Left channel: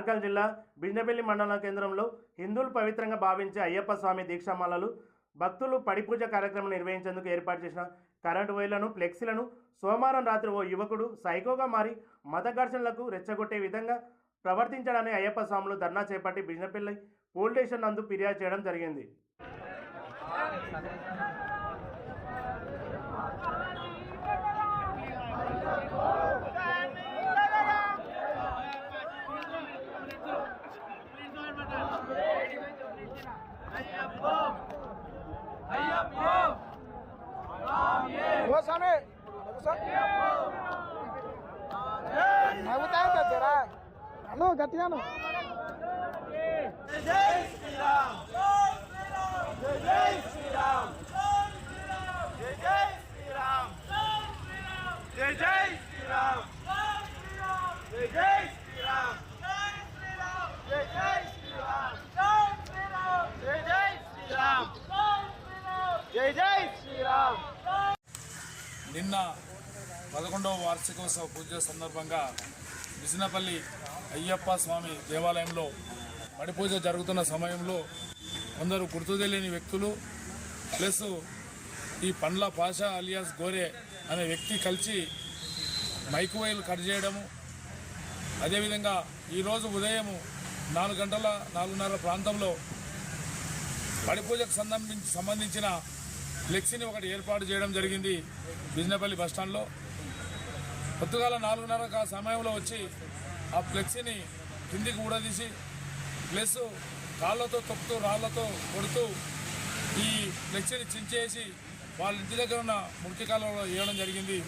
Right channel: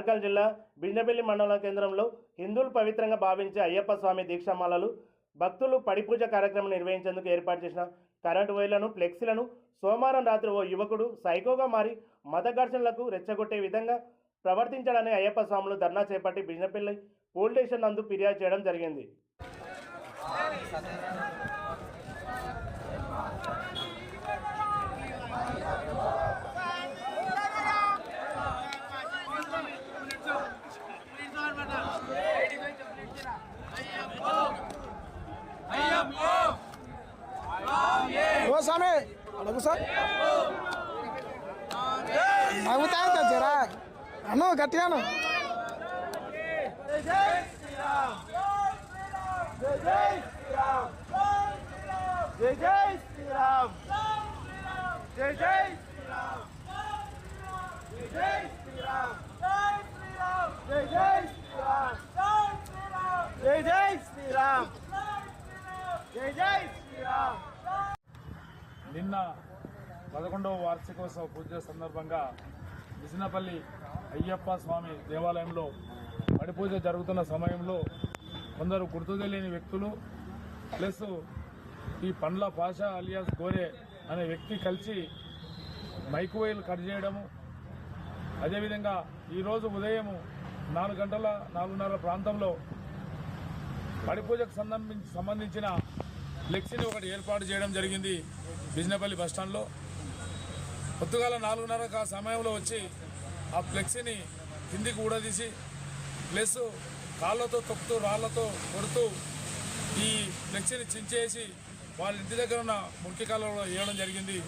నార్కల్ జిల్లా బిజినపల్లి మండల కేంద్రంలో హిందువులు పవిత్రంగా భావించే అయ్యప్ప స్వామి దీక్షామాలలు భక్తులు పడిపూజ కార్యక్రమం నిర్వహించేందుకు ఏర్పాటు చేసిన కరెంటు వైర్లను ఫ్లెక్సీలను సోమవారం రాత్రి ఓ యువకుడు సైకోగా మారి మత ఘర్షణలకు రెచ్చగొట్టే విధంగా ప్రవర్తించాడని అయ్యప్ప స్వాములు ధర్నా చేపట్టి బిజినపల్లి పోలీస్ స్టేషన్ నందు ఫిర్యాదు చేయడం జరిగింది ఓ స్వామి అడుగు సార్ నవ్వుతారు జరా అను గట్టిగాను జై జై శ్రీరామ్ జై జై శ్రీరామ్ జై జై శ్రీరామ్ జై జై శ్రీరామ్ జై జై శ్రీరామ్ జై జై శ్రీరామ్ నిన్న పదకొండవ వార్షికోత్సవ పూజ సందర్భంగా విజనపల్లి అయ్యప్ప స్వామి దేవాలయంలో మడిపూజ జరుగుతున్న సమయంలో కొందరు గుర్తు తెలియని వ్యక్తులు ప్లస్ ఈ పండ్ల పాషా అలియాస్ గోరే అనే వ్యక్తి కలిసి మైక్రోవేవ్ కట్ చేయడము. అదేవిధంగా ఈరోజు ఉదయం నాలుగు గంటల నాలుగున్నర ప్రాంతంలో పడిపూజకు సంబంధించి సంబంధించిన ఫ్లెక్సీని ఒకటి ఏర్పాటు చేయడం జరిగింది బిజినపల్లి బస్టాండ్లో పొద్దుగాల నాలుగున్నర సమయంలో వచ్చి ఆ ఫ్లెక్సీని కిందికి ఊడదీసి ప్లస్ కాళ్ళతో తొక్కుతూ రాళ్ళతో కొడుతూ ఈ ఫ్లెక్సీని చించేసి వాళ్ళ ఇంటి దగ్గర ఉన్న మురికి కాలంలో వేయడం జరిగింది.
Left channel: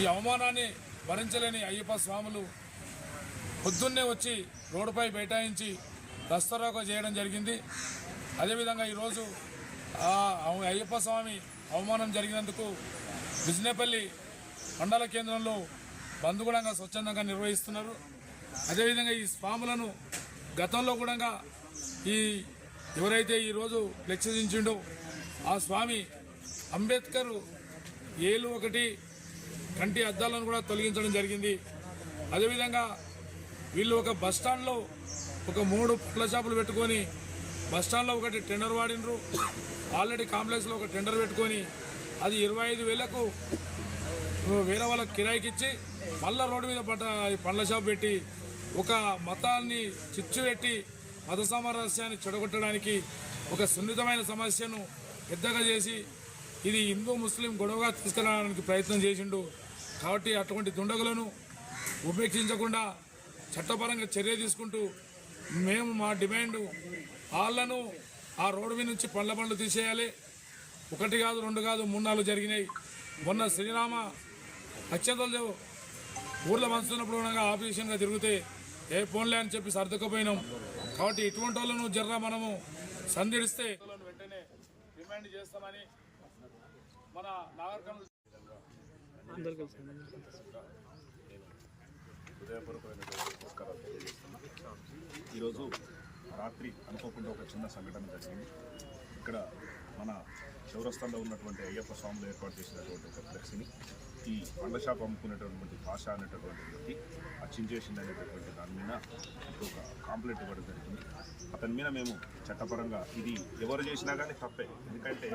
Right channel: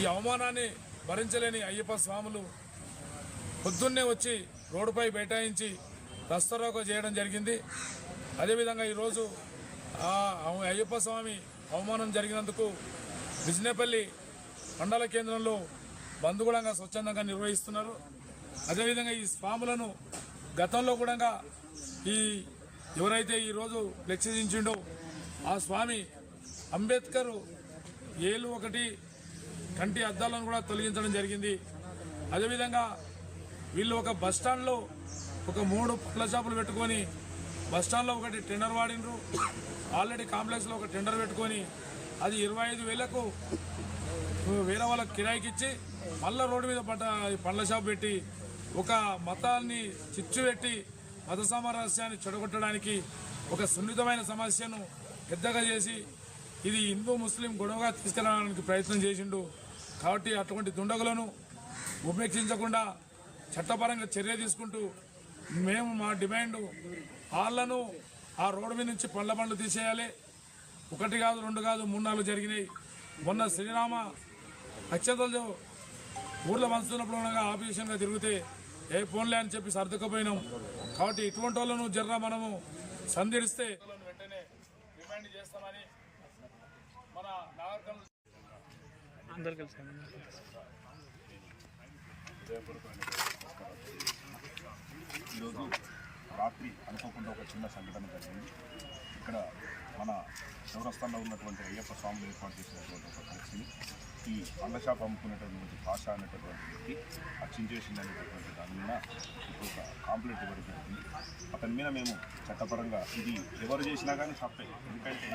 ఈ అవమానాన్ని భరించలేని అయ్యప్ప స్వాములు పొద్దున్నే వచ్చి రోడ్డుపై బైఠాయించి రస్తరోక చేయడం జరిగింది. అదేవిధంగా ఈరోజు అయ్యప్ప స్వామి అవమానం జరిగినందుకు బిజినేపల్లి మండల కేంద్రంలో బంధుగుణంగా స్వచ్ఛందంగా నిర్వహిస్తున్నారు. అదేవిధంగా ఈ స్వాములను గతంలో కూడా ఈ ఎవరైతే ఈరోజు లెక్చరించిండో ఆ స్వామి అంబేద్కర్ ఏలు ఒకటి కంటి అద్దాలను కూడా తొలగించడం జరిగింది. అదేవిధంగా వీళ్ళు ఒక బస్ స్టాండ్లో ఒక మూడు పళ్ళ షాపులు పెట్టుకొని బస్ స్టాండ్లో ఒకటి టెండర్ వాడినరు. ఆల్రెడీ కాంప్లెక్స్లో ఒక టెండర్ పెట్టుకొని అది ఇరవై ఐదు వేలకు వేరే వాళ్ళకి కిరాయికి ఇచ్చి మళ్ళా రోడ్డు మీద పడ్డ పండ్ల షాప్ పెట్టి ఒక మతాన్ని చిచ్చు పెట్టి మత సామరస్యాన్ని చెడగొట్టడానికి ఒక సున్నితమైన సమస్యను పెద్దగా చేసి ఇది హిందూ ముస్లిం గొడవగా తీసుకెళ్ళడానికి ప్రయత్నం చేసిండు. కాబట్టి అటువంటి దుండగులను ఉపేక్షించకుండా చట్టపరంగా చర్య తీసుకుంటూ మేము మా డిమాండ్ వాళ్ళను ఆ రోడ్డు మీద నుంచి పండ్ల పండ్లు తీసేయాలి. ఒకటి కాదు రెండు కాదు మూడు నాలుగు జరిగినాయి. మొన్న శ్రీరామ అత్యంతలు ఊర్లో పంచుతున్నప్పుడు ఉండగా ఆఫీషన్గా తిరిగితే ఏ ఫోన్లే అని చెప్పి సర్దుకుపోయినాం. కాబట్టి ఇటువంటి వాళ్ళను జర్రా మనము సంధిడిస్తే వెంటనే డిమాండ్ చేస్తామని మన నాగరికల్ ఈరోజు రాత్రి అనుకోకుండా ఒక చిన్న సంఘటన జరిగింది. ఇక్కడ మన చౌరస్తాల్లో ఉన్నటువంటి అయ్యప్ప స్వాములు ఏర్పాటు చేసినటువంటి ఒక ఫ్లెక్స్ని ఈ పండ్ల షాప్ అమ్ముకునేటటువంటి భాష అనేటటువంటి వ్యక్తి అచ్చించేసింది అనేటటువంటి దాని మీద ఒక కాంప్లైంట్ ఇవ్వడం జరిగింది. అతని మీద మేము చట్టపరంగా ఇది ఎవరు చేసినా కానీ తప్పే. ఎందుకంటే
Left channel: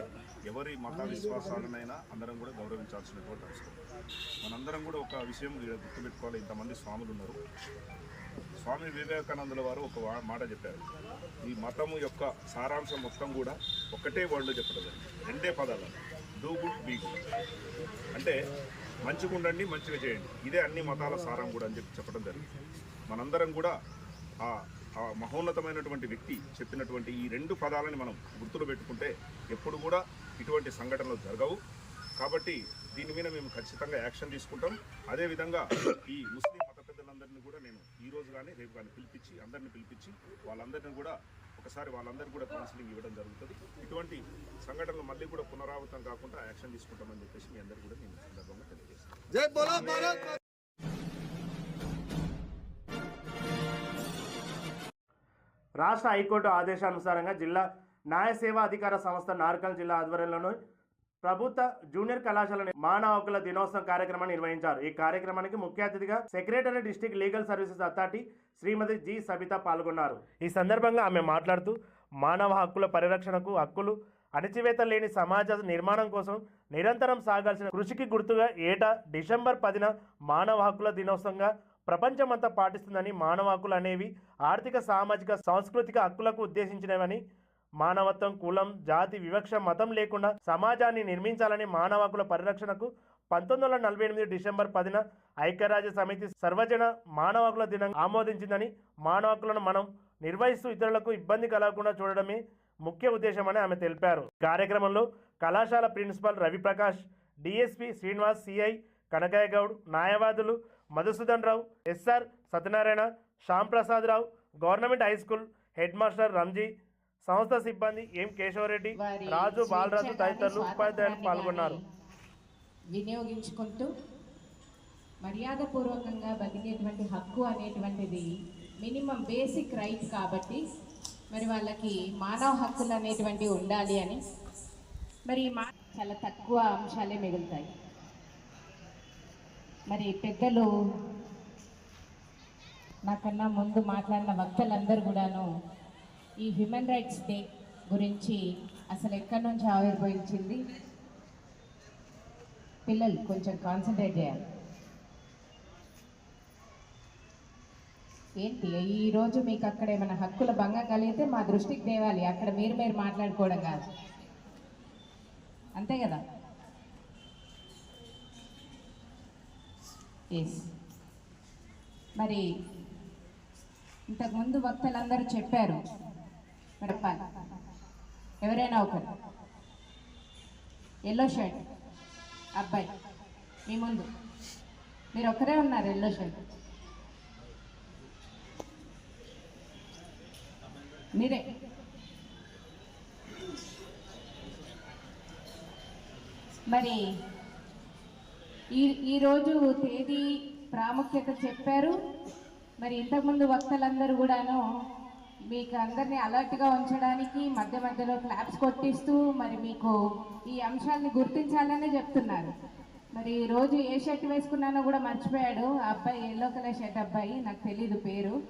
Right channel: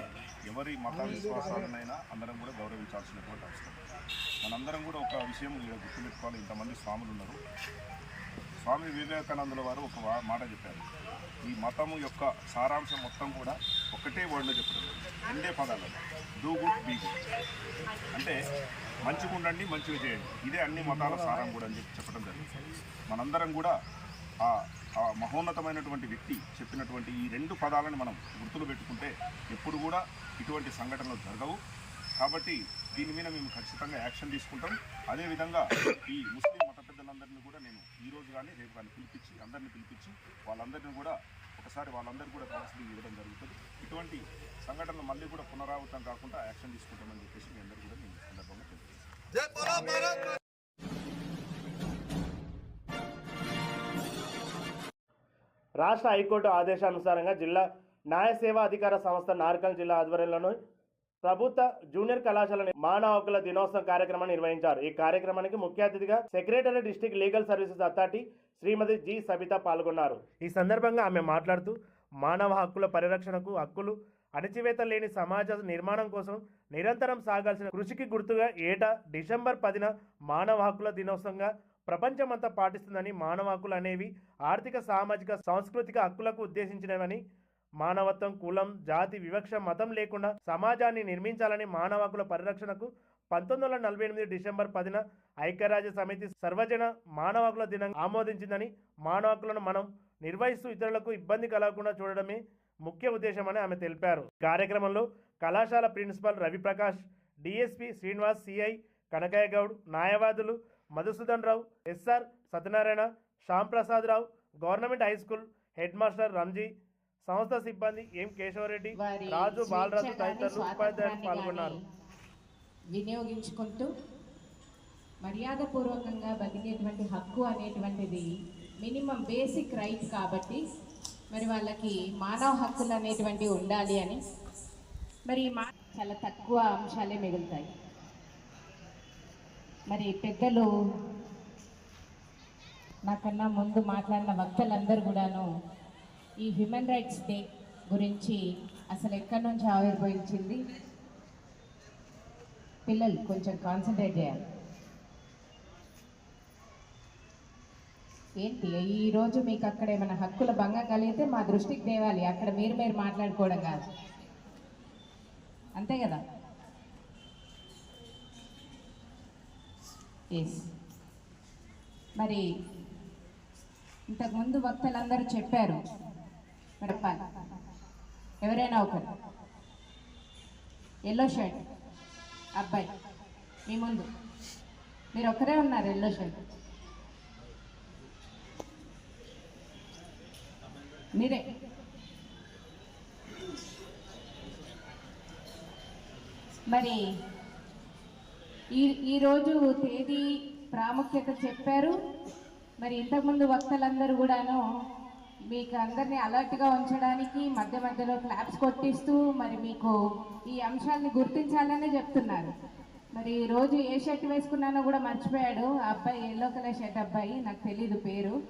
ఎవరి మత విశ్వాసాలనైనా అందరం కూడా గౌరవించాల్సినటువంటి అవసరం. మనందరం కూడా ఒక విషయం గుర్తుపెట్టుకోవాలి. ఇంతమంది స్వాములు ఉన్నారు. స్వామి వివేకానందుల వారు ఒక మాట చెప్పారు. ఈ మతము యొక్క సారాంశం మొత్తం కూడా ఒకటే వర్డ్లో చెప్పడం రెండే పదాలు. Do good be good. అంటే మంచిగా ఉండండి మంచిగా చేయండి. ఇదే అన్ని మతాల సారం కూడా అని చెప్పి చెప్పడం జరిగింది. మనందరం కూడా ఆ ఆ మహోన్నతమైనటువంటి వ్యక్తి చెప్పినటువంటి ఈ రెండు పదాలని మనం గుర్తులు పెట్టుకుంటే ఎప్పుడు కూడా ఇటువంటి సంఘటనలు జరగవు. కాబట్టి దీని మీద మేము ఖచ్చితంగా యాక్షన్ తీసుకుంటాం. అదేవిధంగా ఈ ముస్లిం మత పెద్దలందరినీ కూడా నేను ఈ రోజు కానీ రేపు కానీ పిలిపించి అందరిని పిలిపించి వాళ్ళందరినీ కూడా ఒకసారి వాళ్ళందరికీ కూడా కౌన్సిలింగ్ ఇవ్వడం జరుగుతుంది. ఇటువంటి సంఘటనలు మళ్ళీ కూడా పునరావృతం కాకుండా యాక్షన్ తీసుకుంటామని చెప్పేసి మీ అందరూ కూడా నేను సందర్భంగా తెలియజేస్తాను రాష్ట్ర హైకోర్టు ఆదేశానుసారంగా జిల్లా న్యాయ సేవా అధికార సంస్థ నార్కల్ జిల్లా ఆధ్వర్యంలోని ప్రభుత్వ జూనియర్ కళాశాల మానవ హక్కుల దినోత్సవం కార్యక్రమాన్ని నిర్వహించారు. ఈ కార్యక్రమానికి ముఖ్య అతిథిగా secretary district legal services authority Shrimati G Sabitha పాల్గొన్నారు. ఈ సందర్భంగా ఆమె మాట్లాడుతూ మానవ హక్కుల పరిరక్షణకు హక్కులు అణచివేత లేని సమాజ నిర్మాణం కోసం నిరంతరం సాగాల్సిన కృషికి గుర్తుగా ఏటా డిసెంబర్ పదిన మానవ హక్కుల దినోత్సవంగా ప్రపంచమంతా పాటిస్తుందని మానవ హక్కులు అనేవి ఆర్థిక సామాజిక సాంస్కృతిక హక్కులకు ఉద్దేశించినవని మానవత్వం కులం జాతి వివక్ష మతం లేకుండా సమాజాన్ని నిర్మించాలని మానవ హక్కుల పరిరక్షణకు పంతొమ్మిది వందల నలభై ఎనిమిది డిసెంబర్ పదిన ఐక్యరాజ్య సమితి సర్వజన మానవ హక్కుల దినం ఆమోదించిందని మానవ హక్కులను మనం నిర్వహిస్తూ ఇతరులకు ఇబ్బంది కలగకుండా చూడడమే ముఖ్య ఉద్దేశమని ఆమె తెలిపారు. కార్యక్రమంలో కళాశాల principal Raviprakash DSP Srinivas CI Kanakaiah Goud న్యాయవాదులు Madhusudan Rao S R Satyanarayana Shyamprasad Rao government high school head master Ranji సంస్థ సిబ్బంది ఎం కేశవరెడ్డి వారి రాజు బాలరాజు తదితరులు ఉపాధ్యాయులు పాల్గొన్నారు. వినియోగించుకుంటూ మర్యాదపూర్వకంగా బతికేటువంటి హక్కు అనేటువంటిది మినిమం బేసిక్ రైట్ కాబట్టి మరి వాళ్ళకి మానవ హక్కులు అనేటువంటివి ఉండాలి అని. మరి మా చాలా తక్కువ అంశాలే మిగులుతాయి. మరి పెద్దలు నాకన్నా ముందు మాట్లాడిన వక్తలందరూ కూడాను ఈ హ్యూమన్ రైట్స్ డే గురించి అసలు ఎక్కడి నుంచి ఆవిర్భవించింది? పిల్లలు కొంచెం కాన్సన్ట్రేట్ చేయాలి. ఏంటి? ఈరోజు మీకు అక్కడ ఏమైనా హక్కుల భంగం కలిగితే మా దృష్టికి తేవాలి. అక్కడ మీరు మీరు మాట్లాడుకోవడం కాదు. అంతే కదా? ఎస్ మరి ఇంతకుముందు వక్తలందరూ చెప్పారు మరి ఎవరైనా ఒకరు. ఎల్లో షర్ట్ అబ్బాయి. మీ ముందు. మీరు ఒక్కరే ఉన్నారు ఎల్లో షర్ట్ మీరే. మరి ఈ ఈరోజు తేదీ ప్రాముఖ్యత చెప్పారు. మరి ఇంతకుముందు వక్తలందరూ కూడాను మీకు అందరినీ అలర్ట్గా ఉంచడానికి మధ్య మధ్యలో క్లాప్స్ కొట్టిస్తూ మరి మీకు ఈ అంశాలని గుర్తించాలనే చెప్తున్నారు. మరి ఈ రోజు ఏ షర్ట్ వేసుకున్నానో కూడా మర్చిపోయాడు. ఆ అబ్బాయి ఎల్లో కలర్ షర్ట్ అబ్బాయి నాకు తెలీదు పేరు.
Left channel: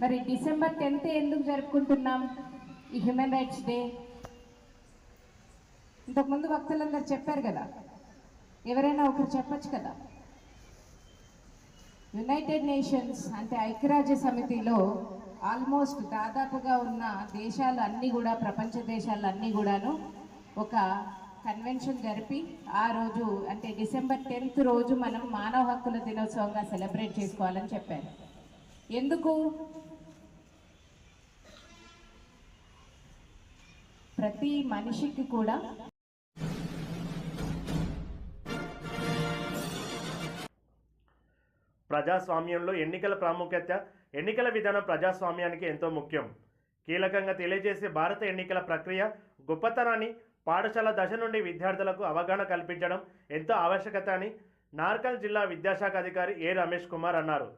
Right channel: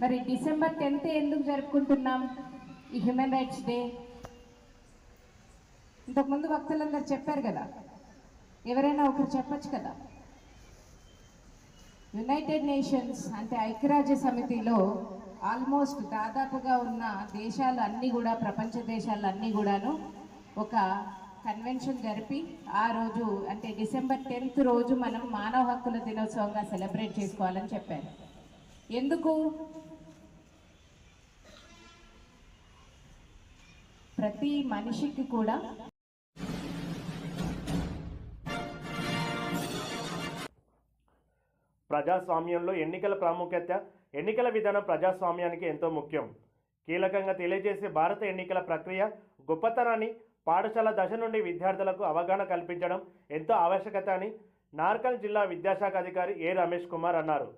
మరి డిసెంబర్ టెన్త్ ఎందుకు జరుపుకుంటున్నాం? ఈ హ్యూమన్ రైట్స్ డే. ఇంతకుముందు వక్తలందరూ చెప్పారు కదా ఎవరైనా ఒకరు చెప్పచ్చు కదా? యునైటెడ్ నేషన్స్ అంటే ఐక్యరాజ్య సమితిలో ఆల్మోస్ట్ దాదాపుగా ఉన్న దేశాలు అన్నీ కూడా ప్రపంచ దేశాలు అన్నీ కూడాను ఒక కన్వెన్షన్ జరిపి ఆ రోజు అంటే డిసెంబర్ టెన్త్ రోజు మనం మానవ హక్కుల దినోత్సవంగా సెలబ్రేట్ చేసుకోవాలని చెప్పారు. ఎందుకు? ప్రతి మనిషికి కూడా ప్రజాస్వామ్యంలో ఎన్నికల ప్రాముఖ్యత ఎన్నికల విధానం ప్రజాస్వామ్యానికి ఎంతో ముఖ్యం. కీలకంగా తెలియజేసే భారత ఎన్నికల ప్రక్రియ గొప్పతనాన్ని పాఠశాల దశ నుండి విద్యార్థులకు అవగాహన కల్పించడం ఎంతో ఆవశ్యకత అని నార్కల్ జిల్లా విద్యాశాఖ అధికారి ఏ రమేష్ కుమార్ అన్నారు.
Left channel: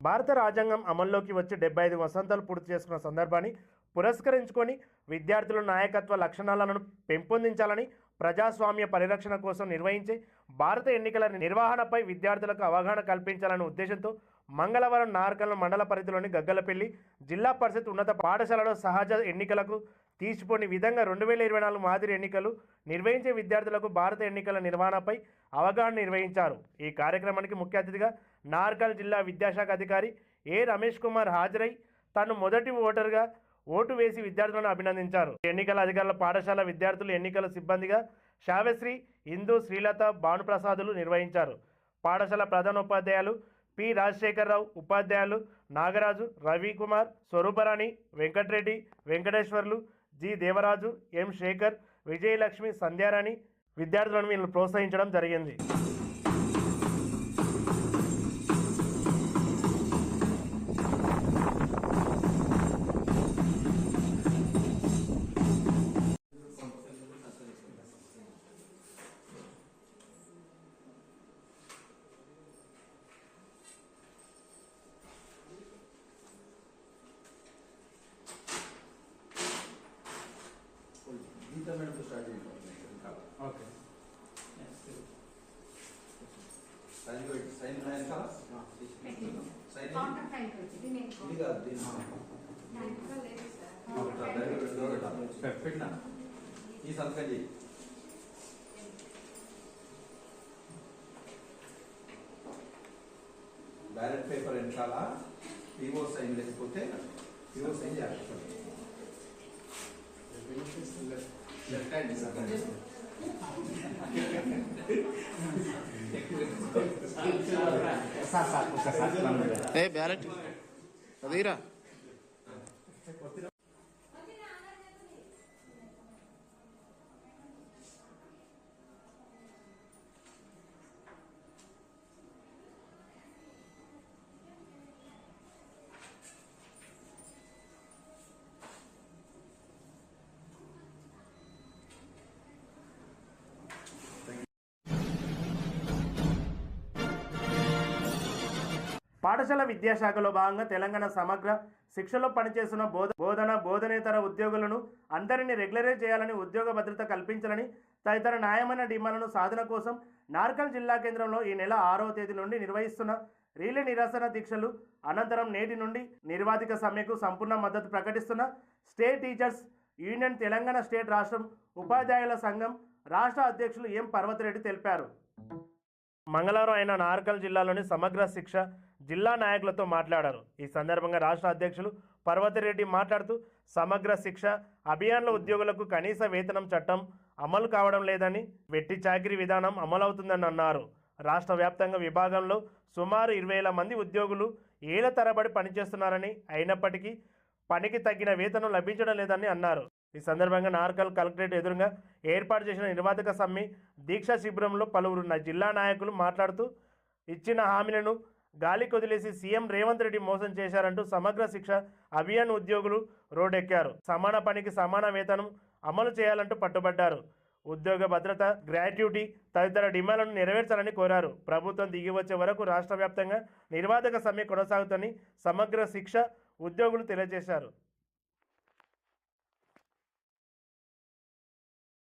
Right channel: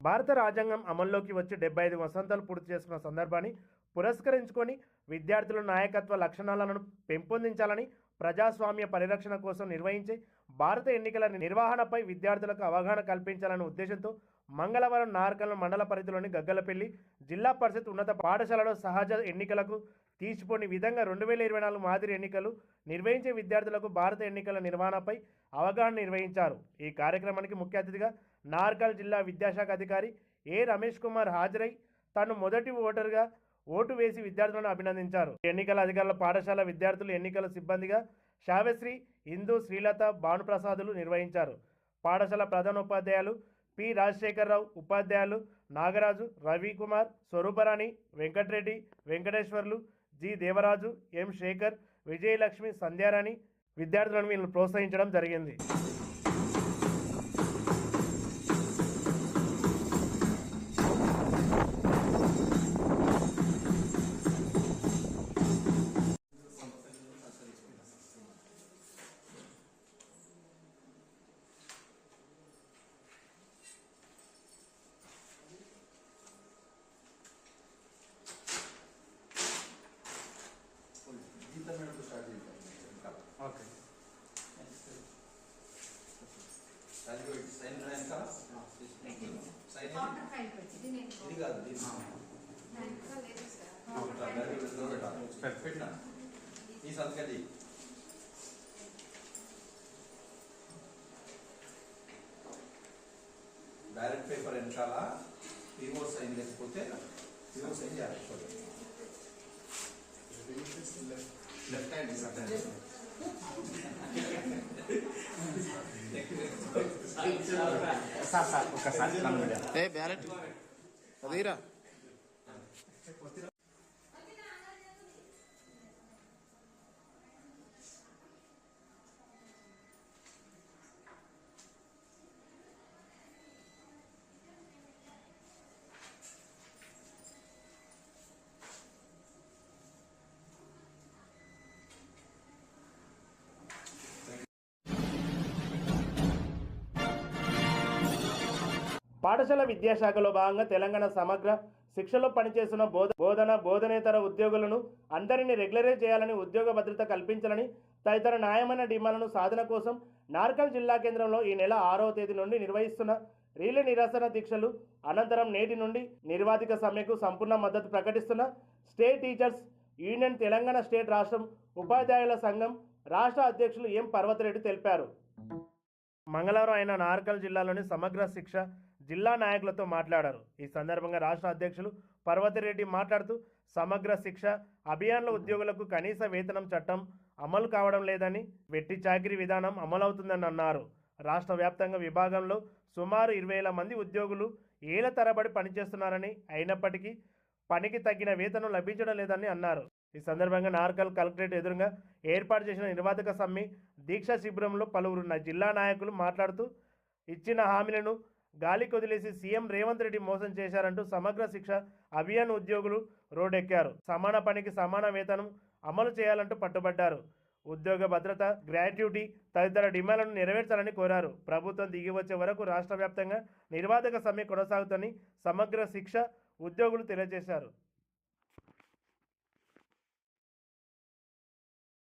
భారత రాజ్యాంగం అమల్లోకి వచ్చి డెబ్బై ఐదు వసంతాలు పూర్తి చేసుకున్న సందర్భాన్ని పురస్కరించుకొని విద్యార్థుల నాయకత్వ లక్షణాలను పెంపొందించాలని ప్రజాస్వామ్య పరిరక్షణ కోసం నిర్వహించే భారత ఎన్నికల నిర్వహణపై విద్యార్థులకు అవగాహన కల్పించాలనే ఉద్దేశంతో మంగళవారం నార్కల్ మండల పరిధిలోని గగ్గలపల్లి జిల్లా పరిషత్ ఉన్నత పాఠశాలలో సహజ ఎన్నికలకు తీసిపోని విధంగా రెండు వేల ఇరవై నాలుగు మాదిరి ఎన్నికలు నిర్వహించే విద్యార్థులకు భారత ఎన్నికల నిర్వహణపై అవగాహన నిర్వహించారు. ఈ కార్యక్రమానికి ముఖ్య అతిథిగా నార్కల్ జిల్లా విద్యాశాఖ అధికారి ఏ రమేష్ కుమార్ హాజరై తను మొదటి ఓటరుగా ఓటు వేసి విద్యార్థులను అభినందించారు. ఎన్నికల అధికారుల పాఠశాల విద్యార్థులు ఎన్నికల సిబ్బందిగా శావశ్రీ ఇందు శ్రీలత భానుప్రసాదులు నిర్వహించారు. పాఠశాల ప్రధాన ఉపాధ్యాయులు పి. రాజశేఖరరావు ఉపాధ్యాయులు నాగరాజు రవికుమార్ స్వరూపరాణి వెంకటరెడ్డి వెంకటేశ్వర్లు జి. దేవరాజు ఎం. శేఖర్ విజయలక్ష్మి సంధ్యారాణి విద్యార్థులను వీళ్ళని ప్రోత్సహించడం జరిగింది. పెట్టినా ఈ సంతకం చెయ్యి బ్యాలెట్ పేపర్ వెనకాల పిఓ సైన్ లేకపోతే పిఓ సైన్ చేయాలి లెఫ్ట్ హ్యాండ్ సంతకం చేయి. ఏ బ్యాలెట్ అదిరా పాఠశాల విద్యాశాఖలో భాగంగా తెలంగాణ సమగ్ర శిక్షలో పనిచేస్తున్న బోధ బోధన బోధనేతర ఉద్యోగులను అందరినీ రెగ్యులరైజ్ చేయాలని ఉద్యోగ భద్రత కల్పించాలని తదితర న్యాయమైన డిమాండ్లను సాధన కోసం నార్కల్ జిల్లా కేంద్రంలో ఈ నెల ఆరవ తేదీ నుండి నిర్వహిస్తున్న రీలే నిరసన దీక్షలు అనంతరం నేటి నుండి నిర్వాధిక సమ్మెకు సంపూర్ణ మద్దతు ప్రకటిస్తున్న state teachers union Telangana state రాష్ట్రం ఉపాధ్యాయుల సంఘం రాష్ట్ర అధ్యక్షులు ఎం పర్వతిరెడ్డి తెలిపారు. మంగళవారం ఆయన నార్కల్ జిల్లాలోని సమగ్ర శిక్ష జిల్లా నాయకులతో మాట్లాడారు. ఈ సందర్భంగా రాష్ట్ర అధ్యక్షులు పర్వతిరెడ్డి మాట్లాడుతూ సమగ్ర శిక్ష అభియాన్ల ఉద్యోగులకు కనీస వేతనం చట్టం అమలు కావడం లేదని వెట్టి చాకరీ విధానం అమలవుతుందని అన్నారు. రాష్ట్ర వ్యాప్తంగా విభాగంలో సుమారు ఇరవై వేల మంది ఉద్యోగులు ఏళ్ళ తరబడి పనిచేస్తున్నారని అయినప్పటికీ పనికి తగిన వేతనం లభించడం లేదని అన్నారు. ఈ సందర్భంగా నార్కల్ కలెక్టరేట్ ఎదురుగా ఏర్పాటు చేసిన నిర్వాధక సమ్మె దీక్షా శిబిరంలో పలువురు జిల్లా నాయకులు మాట్లాడుతూ ఇచ్చిన హామీలను గాలి కొదిలేసి సీఎం రేవంత్ రెడ్డి మోసం చేశారంటూ సమగ్ర శిక్ష అభియాన్ ఉద్యోగులు రోడ్డెక్కారు. సమాన పనికి సమాన వేతనం అమలు చేయాలంటూ పట్టుబడ్డారు. ఉద్యోగ భద్రత గ్రాట్యుటీ తదితర డిమాండ్లను నెరవేర్చాలని కోరారు. ప్రభుత్వం దిగి వచ్చే వరకు రాష్ట్ర వ్యాప్తంగా నిర్వాధక సమ్మె కొనసాగుతని సమగ్ర శిక్ష ఉద్యోగులు తెలియజేశారు.